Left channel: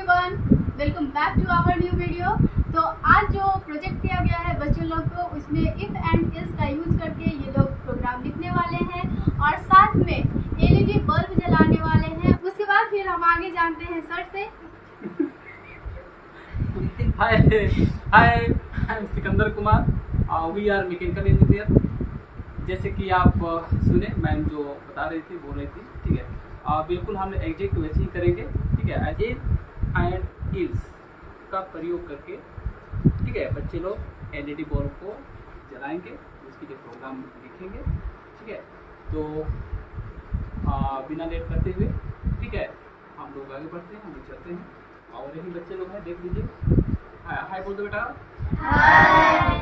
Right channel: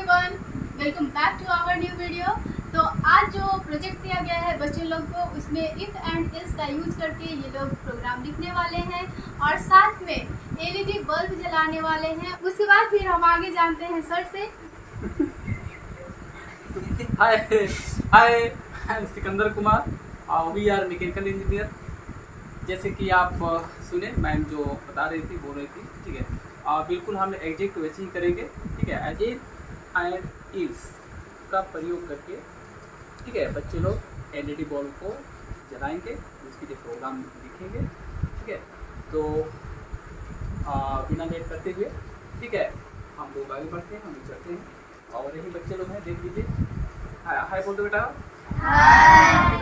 Everyone, welcome back to our new video. तो आज जो प्रोजेक्ट दिया गया है बच्चों लोग को, उसमें इफ एंड इल्स का यूज करके ये लोग प्रोग्राम लिखने वाले हैं और साथ में एलईडी बल्ब जलाने वाले हैं। उसके बाद फिर हम आगे जानते हैं सर से। Hi hi, I am Sikandar Kumar, we are mechanical engineer. जैसे कि आप सुने, मैम जो बता रही थी, बोल रही थी, ठीक है। बिल्कुल हम एग्जैक्ट वैसे ही करेंगे, ठीक है। इफ एंड इल्स का प्रयोग करके, ठीक है, बच्चे लोग एलईडी बल्ब को जलाएंगे, उसके लिए प्रोग्राम लिखेंगे, ठीक है। तो बिना लेट करते हुए, ठीक है, हम लोग आगे बढ़ते हैं, हम लोग चलते हैं। और यही बच्चे लोग हैं, देख लीजिए। हाय हाय बोल दो बेटा। हाय।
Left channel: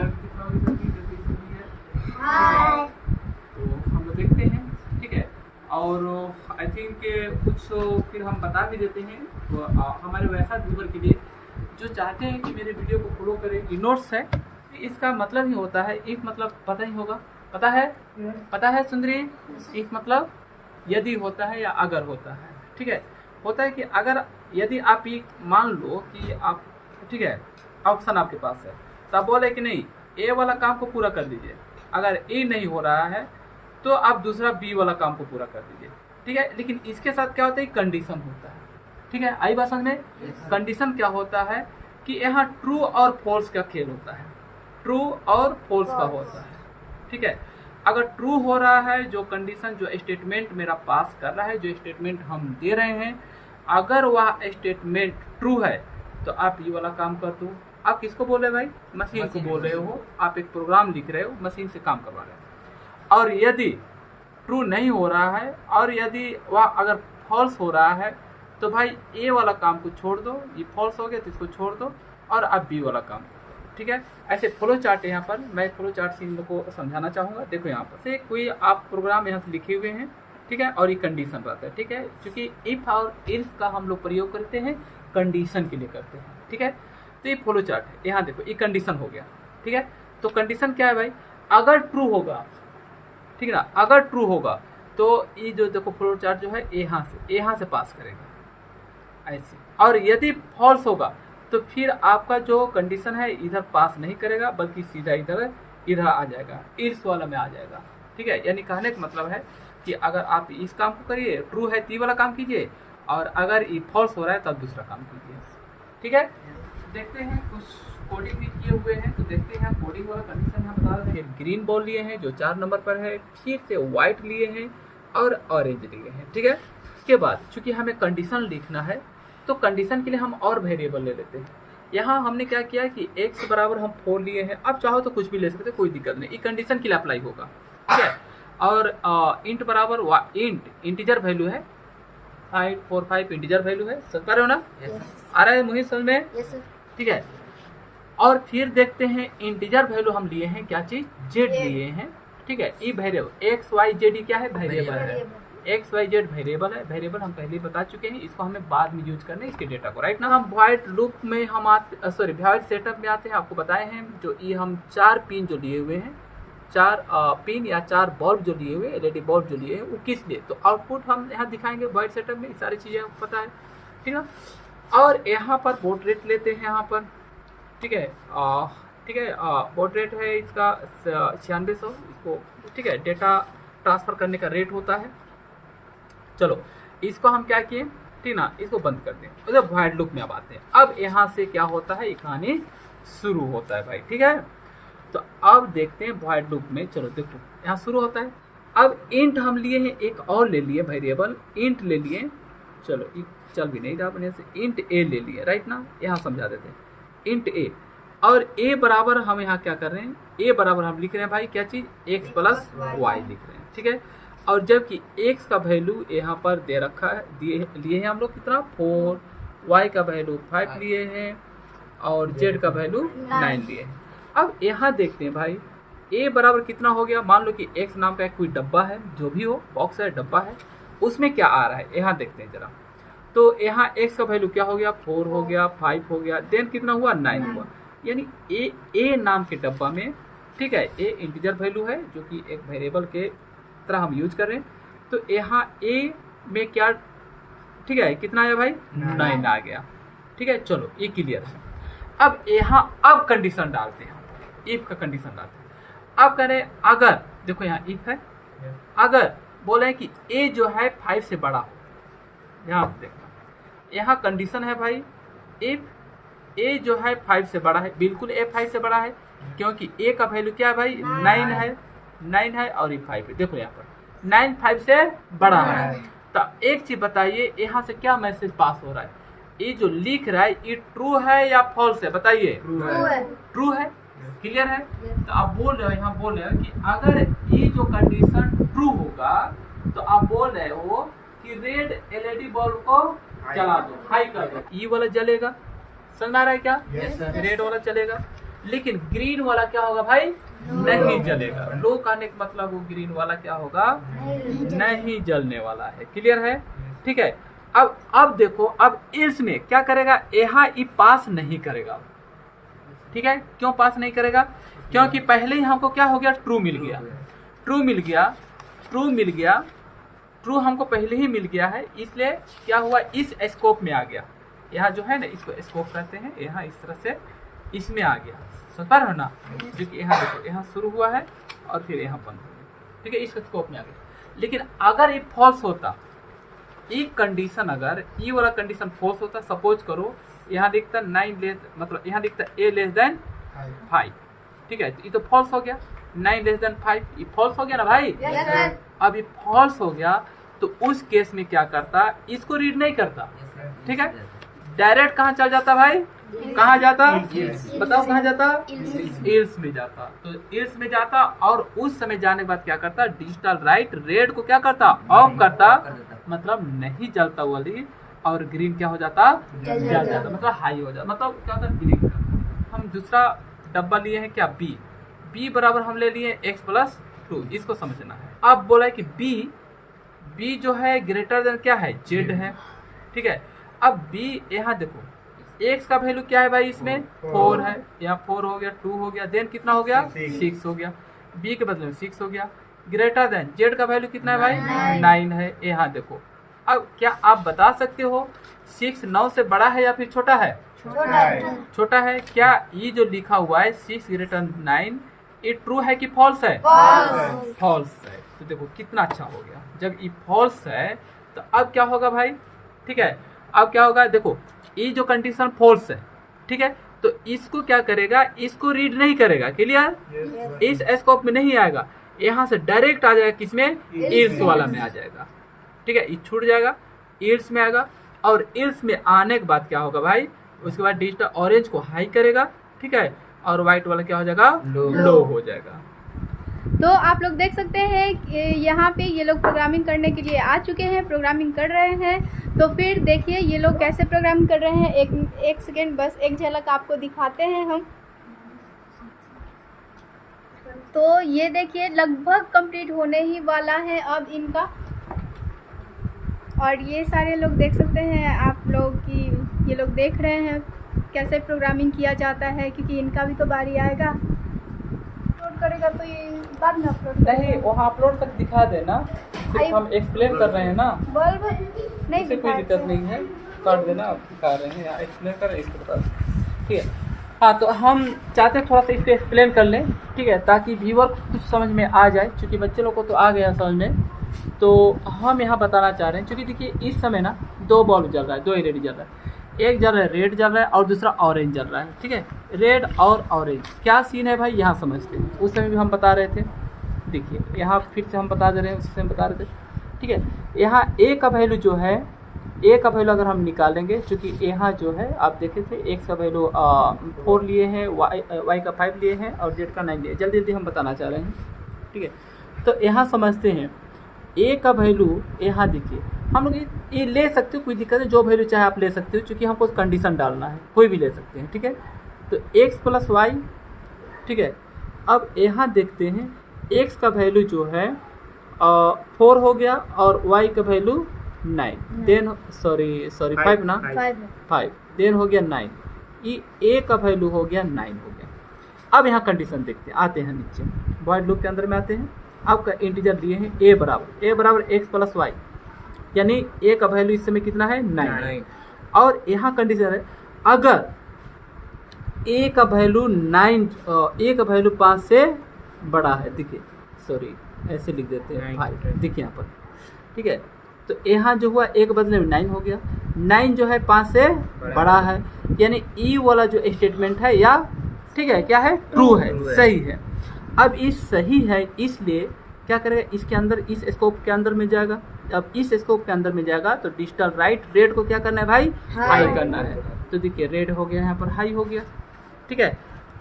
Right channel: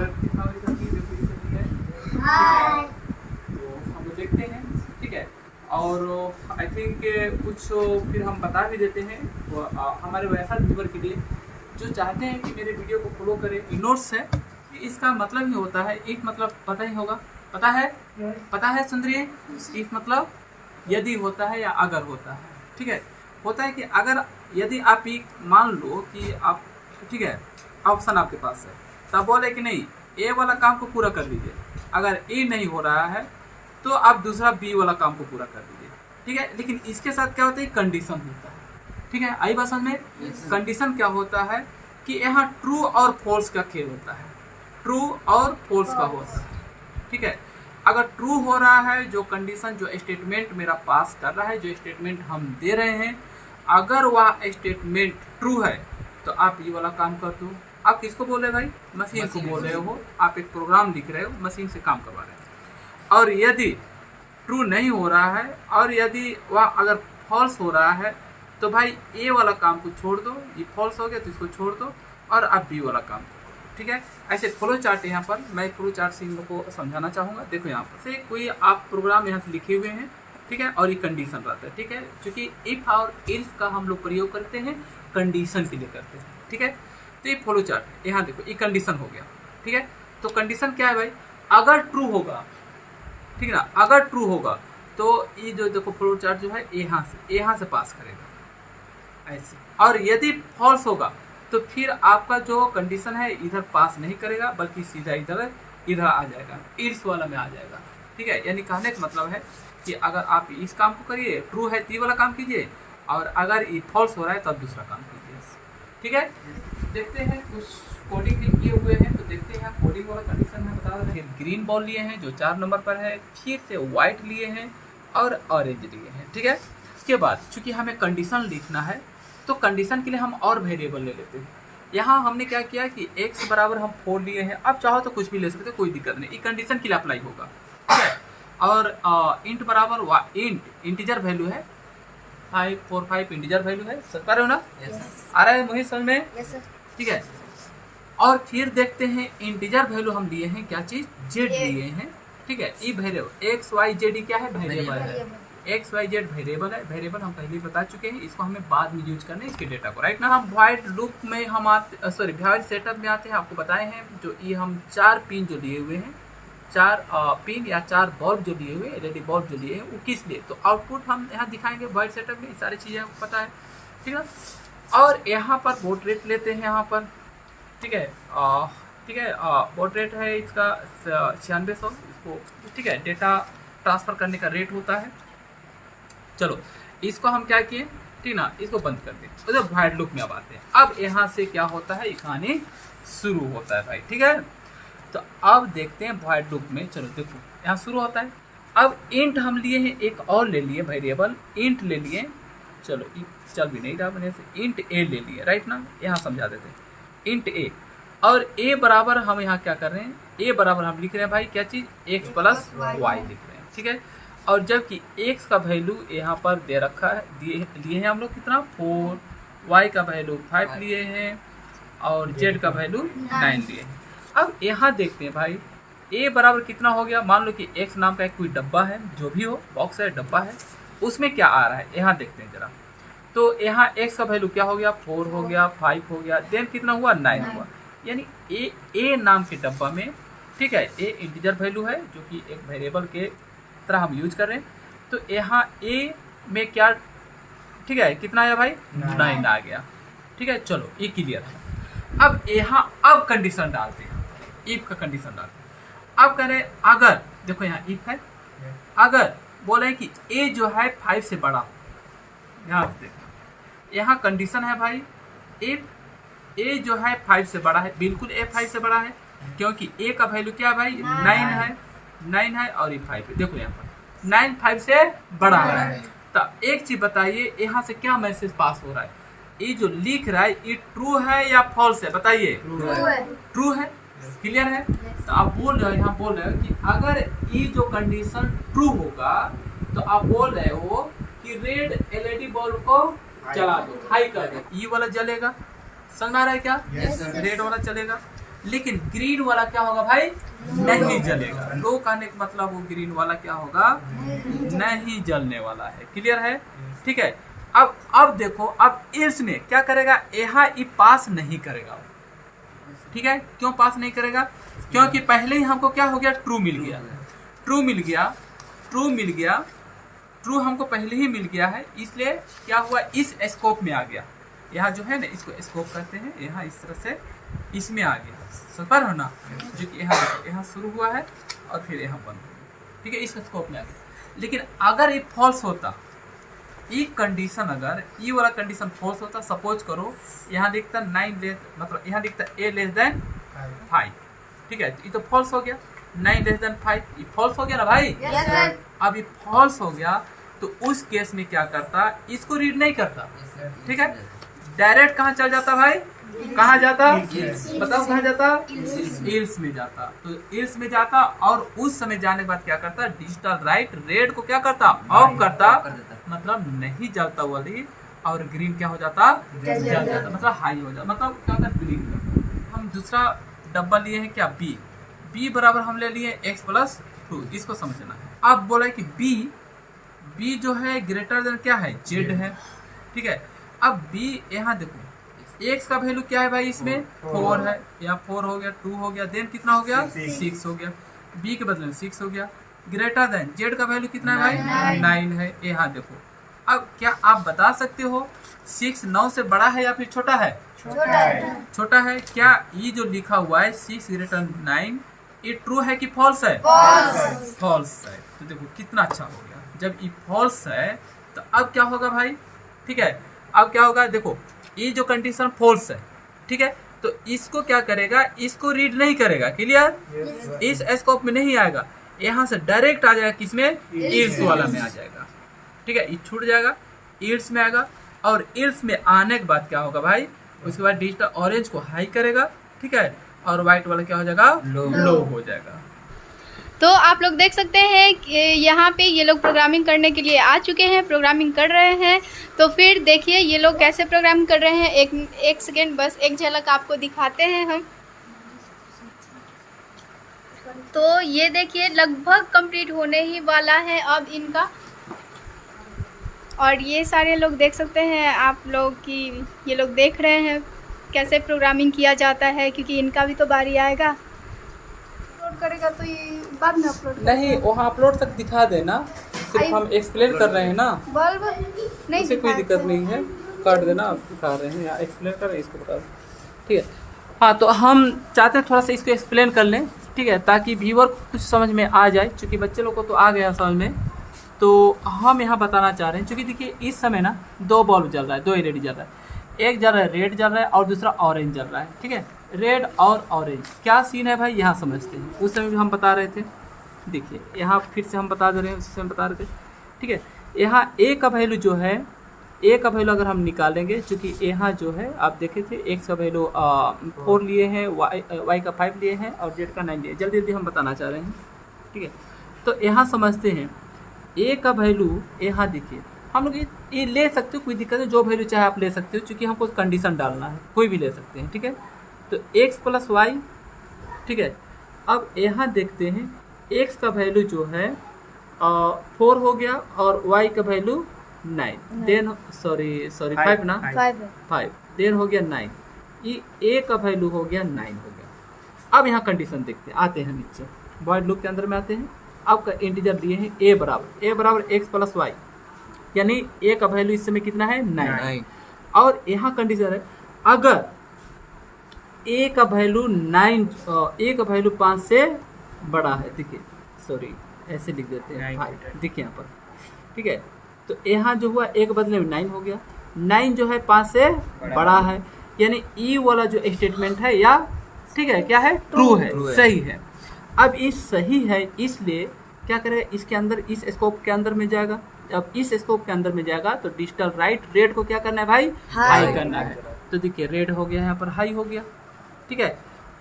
तो हम लोग देखते हैं, ठीक है। और आई थिंक कुछ फिर हम बता भी देते हैं तो हमारे वैसा व्यूवर के लिए जो चाहते हैं कि मेरे वीडियो को फॉलो करें। नोट्स है, इसका मतलब ही होता है, इफ मतलब पता ही होगा, पता है सुंदरी। इफ मतलब यदि होता है या अगर होता है, ठीक है। होता है कि अगर यदि आप एक मान लो कि आप, ठीक है, ऑप्शन आपके पास है, तब बोले कि नहीं ए वाला काम को पूरा कर दीजिए। अगर ए नहीं हो रहा है तो आप दूसरा बी वाला काम को पूरा कर दीजिए, ठीक है। लेकिन इसके साथ क्या होता है, कंडीशन होता है, ठीक है। आई बात समझ में? कंडीशन क्या होता है कि यहाँ ट्रू और फॉल्स का खेल होता है, ट्रू और फॉल्स का होता है, ठीक है। अगर ट्रू हो रहा है, जो कंडीशन, जो स्टेटमेंट मेरा पास कर रहा है, जो स्टेटमेंट हम दे रहे हैं, अगर वह स्टेटमेंट ट्रू है तो आप ये वाला काम कर दो। आप किसको बोल रहे भाई? मशीन को बोल रहे हो। आप एक प्रोग्राम लिख रहे हो, मशीन से काम करवा रहे हो। और यदि ट्रू नहीं हो रहा है और यदि वह अगर फॉल्स हो रहा है तो भाई ए वाला काम को छोड़ दो, ये फॉल्स हो गया तो इसको छोड़ दो और आप बी वाला काम, ठीक है। ऐसे फ्लो चार्ट, यहाँ पर मैं फ्लो चार्ट से इन लोगों को समझाना चाहूँगा। देखो यहाँ पर से कोई आप प्रोग्राम यहाँ से लिखे हुए हैं, ठीक है, और ये कंडीशन रहता है, ठीक है। क्योंकि इफ और इल्स का हम लोग प्रयोग करते हैं कंडीशन के लिए करते हैं, ठीक है। तो ये फ्लो चार्ट, यहाँ देखो ये कंडीशन हो गया, ठीक है। तो कंडीशन क्या है भाई? अगर ट्रू होगा, ठीक है ना, अगर ट्रू होगा तो ये जो देखो फ्लो चार्ट जो है यहाँ से पास करेगा ऐसे। और यदि फॉल्स होगा तो फिर आपका जो कंडीशन है इधर पास नहीं करेगा, बल्कि सीधा इधर आ जाएगा, इल्स वाला में आ जाएगा, ठीक है। यानी कहने का मतलब है कि अगर आप इस काम को करिए, ट्रू है तो ये वाला काम कीजिए, और अगर ये फॉल्स हो रहा है तब दूसरा काम कीजिए, ठीक है। देखते हैं कुछ कोडिंग भी किए हुए हैं, तो देखते हैं कोडिंग वाला कंडीशन है बता रहे हैं। ग्रीन बॉल लिए हैं जो 4 नंबर पर है, फिर से व्हाइट लिए हैं और ऑरेंज लिए हैं, ठीक है। इसके बाद चूंकि हमें कंडीशन लिखना है तो कंडीशन के लिए हम और वेरिएबल ले लेते हैं। यहाँ हमने क्या किया कि x बराबर हम 4 लिए हैं, अब चाहो तो कुछ भी ले सकते, कोई दिक्कत नहीं, ये कंडीशन के लिए अप्लाई होगा, ठीक है। और इंट बराबर इंटीजर वैल्यू है 545, इंटीजर वैल्यू है, सब कर रहे हो ना? आ रहा है मुझे समझ में? Yes sir. ठीक है। और फिर देखते हैं इंटीजर वैल्यू हम लिए हैं, क्या चीज? जेड लिए हैं, ठीक है। ई वेरिएबल एक्स वाई जेड क्या है? वेरिएबल है। एक्स वाई जेड वेरिएबल है, वेरिएबल हम पहले बता चुके हैं, इसको हमें बाद में यूज करना है इसके डेटा को, राइट ना। हम व्हाइट लूप में हम आते, सॉरी व्हाइट सेटअप में आते हैं। आपको बताए हैं जो ये हम 4 पिन जो लिए हुए हैं, 4 पिन या 4 बल्ब जो लिए हुए, एलईडी बल्ब जो लिए हैं, वो किस लिए, तो आउटपुट हम यहाँ दिखाएंगे व्हाइट सेटअप में। ये सारी चीजें आपको पता है, ठीक है। और यहाँ पर बोट रेट लेते हैं यहाँ पर, ठीक है, ठीक है। बोट रेट है इसका 9600, इसको, ठीक है, डेटा ट्रांसफर करने का रेट होता है। चलो इसको हम क्या किए, ठीक ना, इसको बंद कर दें। तो जब व्हाइट लूप में अब आते हैं, अब यहाँ से क्या होता है, कहानी शुरू होता है भाई, ठीक है। तो अब देखते हैं व्हाइट लूप में, चलो देखो यहाँ शुरू होता है। अब इंट हम लिए हैं, एक और ले लिए वेरिएबल, इंट ले लिए, चलो चल भी नहीं रहा बने से, इंट ए ले लिए, राइट ना। यहाँ समझा देते हैं, इंट ए, और ए बराबर हम यहाँ क्या कर रहे हैं, ए बराबर हम लिख रहे हैं भाई क्या चीज, एक्स प्लस वाई लिख रहे हैं, ठीक है। और जबकि एक्स का वैल्यू यहाँ पर दे रखा है, लिए हैं हम लोग कितना, 4, वाई का वैल्यू 5 लिए हैं, और जेड का वैल्यू 9 लिए हैं। अब यहाँ देखते हैं भाई ए बराबर कितना हो गया। मान लो कि एक्स नाम का एक कोई डब्बा है, जो भी हो, बॉक्स है, डब्बा है, उसमें क्या आ रहा है यहाँ देखते हैं जरा। तो यहाँ एक्स का वैल्यू क्या हो गया, 4 हो गया, 5 हो गया, देन कितना हुआ, 9 हुआ। यानी ए नाम के डब्बा में, ठीक है, ए इंटीजर वैल्यू है जो कि एक वेरिएबल के तरह हम यूज कर रहे हैं। तो यहाँ ए में क्या, ठीक है, कितना आया भाई, 9 आ गया। ठीक है, चलो ये क्लियर है। अब यहाँ अब कंडीशन डालते हैं, इफ का कंडीशन डालते हैं। अब करें अगर, देखो यहाँ इफ है, अगर बोले कि ए जो है 5 से बड़ा, यहाँ देखो यहाँ कंडीशन है भाई, इफ ए जो है 5 से बड़ा है, बिल्कुल ए 5 से बड़ा है, क्योंकि ए का वैल्यू क्या है भाई 9 है और ये 5 है। देखो यहाँ पर 9 5 से बड़ा है। तो एक चीज बताइए, यहाँ से क्या मैसेज पास हो रहा है, ये जो लिख रहा है ये ट्रू है या फॉल्स है, बताइए। ट्रू है, क्लियर है। तो आप बोल रहे हो, यहाँ बोल रहे हो कि अगर ये जो कंडीशन ट्रू होगा तो आप बोल रहे हो कि रेड एलईडी बल्ब को चला दो, हाई कर दो, ये वाला जलेगा, समझ आ रहा है क्या? रेड वाला चलेगा, लेकिन ग्रीन वाला क्या होगा भाई? नहीं जलेगा। लो कहने का मतलब वो ग्रीन वाला क्या होगा? नहीं जलने वाला है, क्लियर है, ठीक है। अब देखो, अब इल्स में क्या करेगा, यहाँ ये पास नहीं करेगा, ठीक है। क्यों पास नहीं करेगा? क्योंकि पहले ही हमको क्या हो गया, ट्रू मिल गया, ट्रू मिल गया, ट्रू मिल गया, ट्रू हमको पहले ही मिल गया है, इसलिए क्या हुआ, इस स्कोप में आ गया। यहाँ जो है ना, इसको स्कोप कहते हैं, यहाँ इस तरह से इसमें आ गया, समझ हो ना, जो कि यहाँ देखो, यहाँ शुरू हुआ है और फिर यहाँ बंद हो गया, ठीक है, इस स्कोप में आ गया। लेकिन अगर ये फॉल्स होता, ये कंडीशन, अगर ये वाला कंडीशन फॉल्स होता, सपोज करो यहाँ दिखता 9 लेस, मतलब यहाँ दिखता a लेस देन 5, ठीक है, ये तो फॉल्स हो गया, 9 लेस देन 5, ये फॉल्स हो गया ना भाई। अब ये फॉल्स हो गया तो उस केस में क्या करता, इसको रीड नहीं करता, ठीक है, डायरेक्ट कहाँ चल जाता भाई, कहाँ जाता, बताओ कहाँ जाता, इल्स में जाता। तो इल्स में जाता और उस समय जाने के बाद क्या करता, डिजिटल राइट रेड को क्या करता, ऑफ करता, मतलब नहीं जलता वाली, और ग्रीन क्या हो जाता, जल जाता, मतलब हाई हो जाता, मतलब क्या होता ग्रीन। हम दूसरा डब्बा लिए हैं क्या, बी बराबर हम ले लिए x+2, इसको समझना है। अब बोला है कि बी जो है ग्रेटर देन क्या है, जेड है, ठीक है। अब बी यहाँ देखो, x का वैल्यू क्या है भाई, इसमें 4 है, यहाँ 4 हो गया, 2 हो गया, देन कितना हो गया, 6 हो गया, b के बदले में 6 हो गया, ग्रेटर देन जेड का वैल्यू कितना है भाई 9 है, यहाँ देखो। अब क्या आप बता सकते हो 6 9 से बड़ा है या फिर छोटा है? छोटा है। क्या ये जो लिखा हुआ है 6 ग्रेटर 9, ये ट्रू है कि फॉल्स है? फॉल्स है। तो देखो कितना अच्छा हो गया, जब ये फॉल्स है तो अब क्या होगा भाई, ठीक है, अब क्या होगा, देखो ये जो कंडीशन फॉल्स है, ठीक है, तो इसको क्या करेगा, इसको रीड नहीं करेगा, क्लियर, इस स्कोप में नहीं आएगा, यहाँ से डायरेक्ट आ जाएगा, किसमें, इल्स वाला में आ जाएगा, ठीक है, ये छूट जाएगा, इल्स में आएगा, और इल्स में आने के बाद क्या होगा भाई, उसके बाद डिजिटल ऑरेंज को हाई करेगा, ठीक है, और व्हाइट वाला क्या हो जाएगा, लो हो जाएगा। तो आप लोग देख सकते हैं कि यहाँ पे ये लोग प्रोग्रामिंग करने के लिए आ चुके हैं, प्रोग्रामिंग कर रहे हैं। तो फिर देखिए ये लोग कैसे प्रोग्राम कर रहे हैं, एक सेकेंड बस एक झलक आपको दिखाते हैं हम। तो ये देखिए लगभग कंप्लीट होने ही वाला है अब इनका, और ये सारे लोग देख सकते हैं आप लोग कि ये लोग देख रहे हैं कैसे प्रोग्रामिंग किया जाता है, क्योंकि इनका भी तो बारी आएगा। अपलोड करेगा तो ये बाद में अपलोड नहीं, वहाँ अपलोड तक दिखा देना, सिर्फ हम एक्सप्लेन कर रहे हैं ना, बल्ब नहीं इससे कोई दिक्कत नहीं है, काट देना, दिखा रहे हैं या एक्सप्लेन कर रहे हैं, इसको बता दें, ठीक है। हाँ, तो हम चाहते हैं थोड़ा सा इसको एक्सप्लेन कर लें, ठीक है, ताकि व्यूअर को कुछ समझ में आ जाए, क्योंकि बच्चे लोग को तो आ गया समझ में। तो हम यहाँ बताना चाह रहे हैं, क्योंकि देखिए इस समय ना 2 बल्ब जल रहा है, 2 एलईडी जल रहा है, एक जल रहा है रेड जल रहा है और दूसरा ऑरेंज जल रहा है, ठीक है, रेड और ऑरेंज क्या सीन है भाई, यहाँ समझते हैं। उस समय भी हम बता रहे थे, देखिए यहाँ फिर से हम बता दे रहे हैं, उस समय बता रहे थे, ठीक है। यहाँ ए का वैल्यू जो है, ए का वैल्यू अगर हम निकालेंगे, चूँकि यहाँ जो है आप देखे थे एक्स का वैल्यू 4 लिए हैं, वाई का 5 लिए हैं और जेड का 9 लिए, जल्दी जल्दी हम बताना चाह रहे हैं, ठीक है। तो यहाँ समझते हैं ए का वैल्यू, यहाँ देखिए हम लोग ये ले सकते हो, कोई दिक्कत नहीं, जो वैल्यू चाहे आप ले सकते हो, क्योंकि हमको कंडीशन डालना है, कोई भी ले सकते हैं, ठीक है। तो x+y, ठीक है। अब यहाँ देखते हैं x का वैल्यू जो है 4 हो गया और y का वैल्यू 9, देन सॉरी 5 ना, 5 देन हो गया 9, ये a का वैल्यू हो गया 9 हो गया। अब यहाँ कंडीशन देखते हैं, आते हैं नीचे वॉइड लूप के अंदर में आते हैं। आपका इंटीजर दिए हैं a बराबर x+y, यानी a का वैल्यू इस समय कितना है 9, और यहाँ कंडीशन है अगर ए का वैल्यू 5 से बड़ा है, देखिए सॉरी ऐसे लिख देते हैं 5, देखिए यहाँ पर, ठीक है। तो यहाँ जो हुआ ए के बदले में 9 हो गया, 9 जो है 5 से बड़ा है, यानी ई वाला जो स्टेटमेंट है या ठीक है क्या है, ट्रू है, सही है। अब इस सही है इसलिए क्या करेगा, इसके अंदर इस स्कोप के अंदर में जाएगा। अब इस स्कोप के अंदर में जाएगा तो डिजिटल राइट रेट को क्या करना है भाई, हाई करना है। तो देखिए रेड हो गया, यहाँ पर हाई हो गया, ठीक है।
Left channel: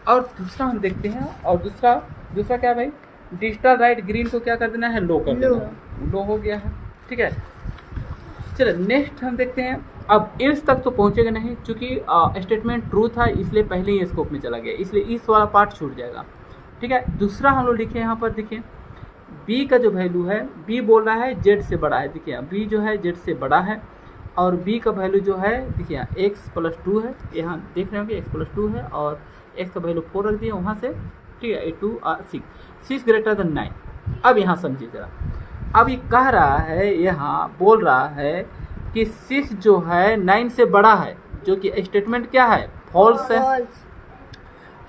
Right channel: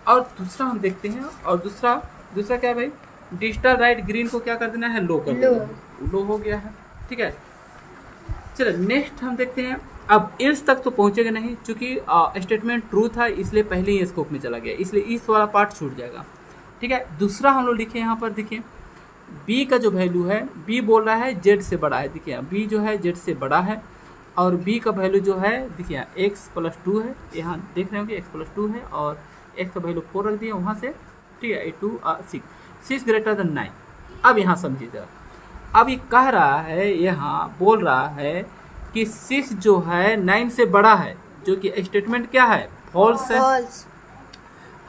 और दूसरा हम देखते हैं, और दूसरा क्या है भाई, डिजिटल राइट ग्रीन को क्या कर देना है, लो कर देना, लो हो गया है, ठीक है। चलो नेक्स्ट हम देखते हैं। अब एल्स तक तो पहुंचेगा नहीं, क्योंकि स्टेटमेंट ट्रू था इसलिए पहले ही स्कोप में चला गया, इसलिए इस वाला पार्ट छूट जाएगा, ठीक है। दूसरा हम लोग लिखे यहाँ पर, देखिए बी का जो वैल्यू है, बी बोल रहा है जेड से बड़ा है, देखिए बी जो है जेड से बड़ा है, और बी का वैल्यू जो है देखिए x+2 है, यहाँ देख रहे होंगे x+2 है, और x का वैल्यू 4 रख दिया वहाँ से, ठीक है। 2 और 6 ग्रेटर देन 9। अब यहाँ समझिए जरा, अब ये कह रहा है, यहाँ बोल रहा है कि 6 जो है 9 से बड़ा है, जो कि स्टेटमेंट क्या है, फॉल्स है।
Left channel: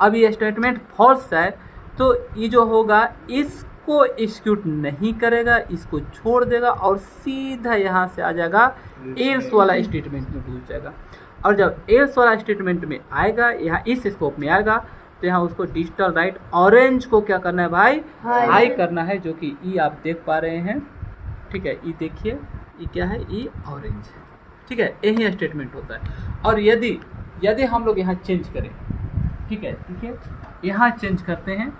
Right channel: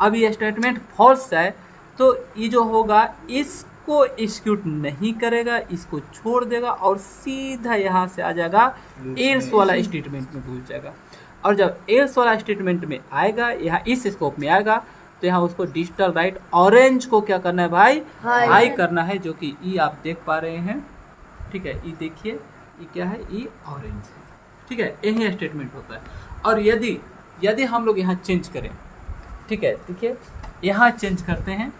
अब ये स्टेटमेंट फॉल्स है तो ये जो होगा इसको एग्जीक्यूट नहीं करेगा, इसको छोड़ देगा और सीधा यहाँ से आ जाएगा एल्स वाला स्टेटमेंट में घुस जाएगा। और जब एल्स वाला स्टेटमेंट में आएगा, यहाँ इस स्कोप में आएगा, तो यहाँ उसको डिजिटल राइट ऑरेंज को क्या करना है भाई, हाई करना है, जो कि ई आप देख पा रहे हैं, ठीक है। ई देखिए, ई क्या है, ई ऑरेंज है, ठीक है। यही स्टेटमेंट होता है। और यदि हम लोग यहाँ चेंज करें, ठीक है, देखिए यहाँ चेंज करते हैं,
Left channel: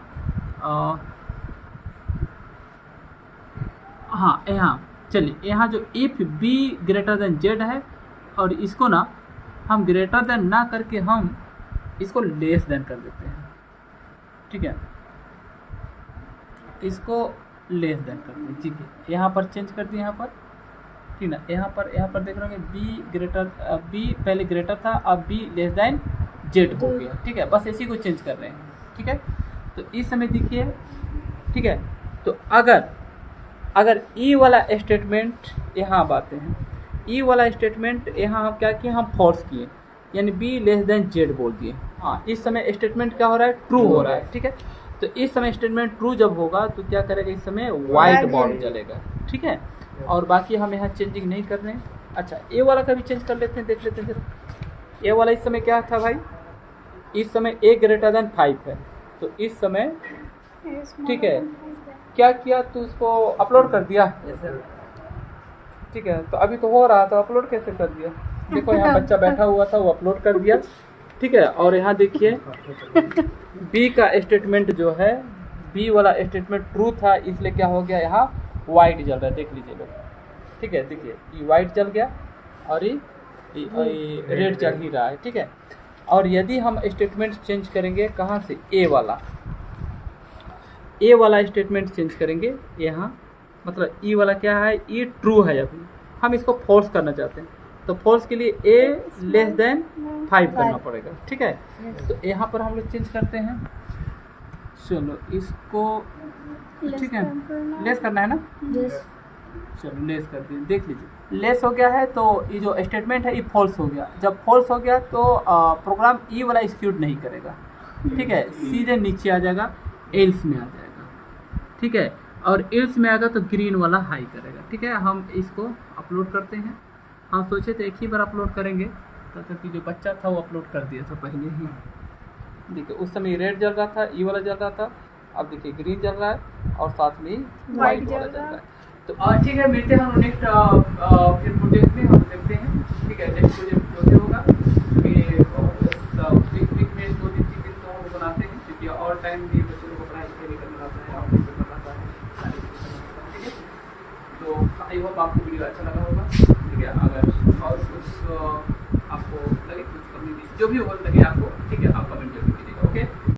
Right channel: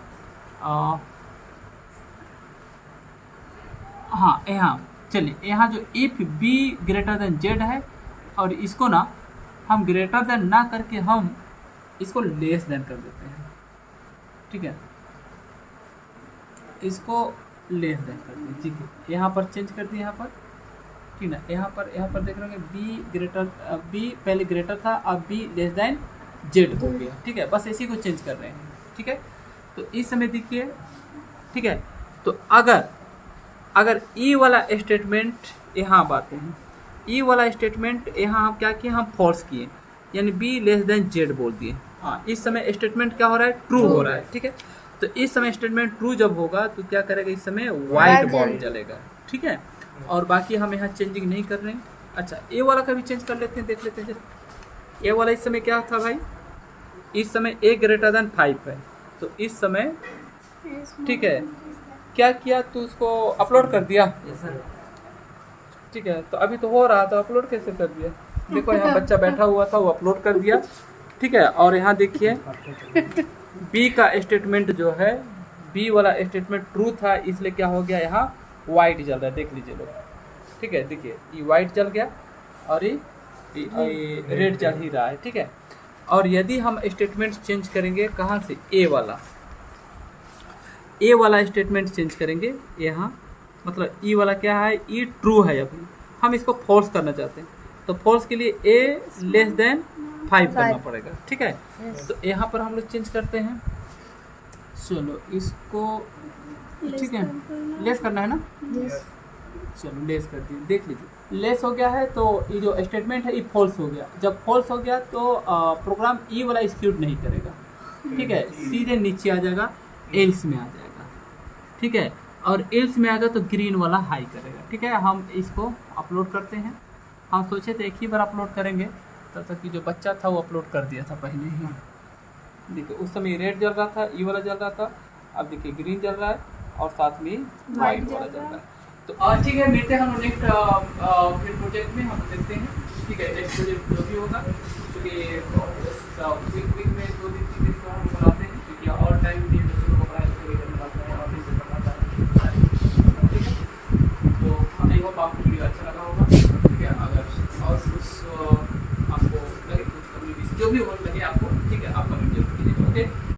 हाँ यहाँ चलिए, यहाँ जो if be greater than Z है, और इसको ना हम ग्रेटर देन ना करके हम इसको लेस देन कर देते हैं, ठीक है, इसको लेस देन कर दें, ठीक है। यहाँ पर चेंज कर दिए, यहाँ पर ठीक ना, यहाँ पर देख रहे होंगे बी पहले ग्रेटर था, अब बी लेस देन जेड हो गया, ठीक है। बस इसी को चेंज कर रहे हैं, ठीक है। तो इस समय देखिए, ठीक है, तो अगर ई वाला स्टेटमेंट यहाँ अब आते हैं, ई वाला स्टेटमेंट यहाँ हम क्या किए, हम फॉल्स किए, यानी बी लेस देन जेड बोल दिए। हाँ, इस समय स्टेटमेंट क्या हो रहा है, ट्रू हो रहा है, ठीक है। तो इस समय स्टेटमेंट ट्रू जब होगा तो क्या करेगा, इस समय वाइट बॉल जलेगा, ठीक है। और बाकी हम यहाँ चेंजिंग नहीं कर रहे हैं। अच्छा, ए वाला का भी चेंज कर लेते हैं, देख लेते हैं जरा। ए वाला इस समय क्या था भाई, इस समय ए ग्रेटर देन 5 है, तो इस समय ठीक है क्या किया, तो उसको अपलोड कर दिया, ठीक है। तो अभी तो हो रहा था, अपलोड कैसे कर दिया, देखो यहाँ बच्चा बैठा हुआ था, वो अपलोड कर दिया, ठीक है। और यहाँ देखिए बी का स्टेटमेंट जो है, बी वाला स्टेटमेंट ट्रू था, इसलिए क्या हो गया, यहाँ वाइट जल रहा है, देख लीजिए लोग, ठीक है। देखिए ये वाइट जल गया और ये रेड जल ही रहा है, ठीक है। और यदि हम स्टेटमेंट चेंज करेंगे, कहाँ से, ए वाला स्टेटमेंट चेंज करेंगे यहाँ, मतलब ई वाला क्या है, ई ट्रू है, अभी हम इसको फॉल्स करना चाहते हैं, तो फॉल्स के लिए ए लेस देन 5 करना पड़ेगा, ठीक है। तो यहाँ पर हम लोग चेंज करते हैं, चलो इसको, ठीक है, लेस करना है ना, चलो लेस कर दिए, देख लीजिए लेस हो गया है। तो ये जो स्टेटमेंट है ये फॉल्स हो गया। जब फॉल्स हो गया तो प्रोग्राम ई वाला एग्जीक्यूट नहीं करेगा, ठीक है, सीधे नीचे आ जाएगा, एल्स में आ जाएगा, ठीक है। और एल्स में आएगा तो ग्रीन वाला हाई करेगा, ठीक है। हम इसको अपलोड करते हैं, हम सोचे थे एक ही बार अपलोड करेंगे, तब तक कि जो बच्चा था वो अपलोड कर दिया था पहले ही। देखिए उस समय रेड जल रहा था, ई वाला जल रहा था, अब देखिए ग्रीन जल रहा है और साथ में वाइट वाला जल रहा है। तो ठीक है, मिलते हैं हम नेक्स्ट फिर प्रोजेक्ट में, हम देखते हैं, ठीक है। नेक्स्ट प्रोजेक्ट जो भी होगा, क्योंकि वीक में 2 दिन 3 दिन तो हम बनाते हैं, क्योंकि और टाइम भी बच्चों को पढ़ाई करना पड़ता है और भी पढ़ना है, ठीक है। तो आई होप आपको वीडियो अच्छा लगा होगा, ठीक है। अगर और कुछ आपको लगे, कुछ कमी जो भी हो लगे आपको, ठीक है, आप कमेंट जरूर कीजिएगा, ओके।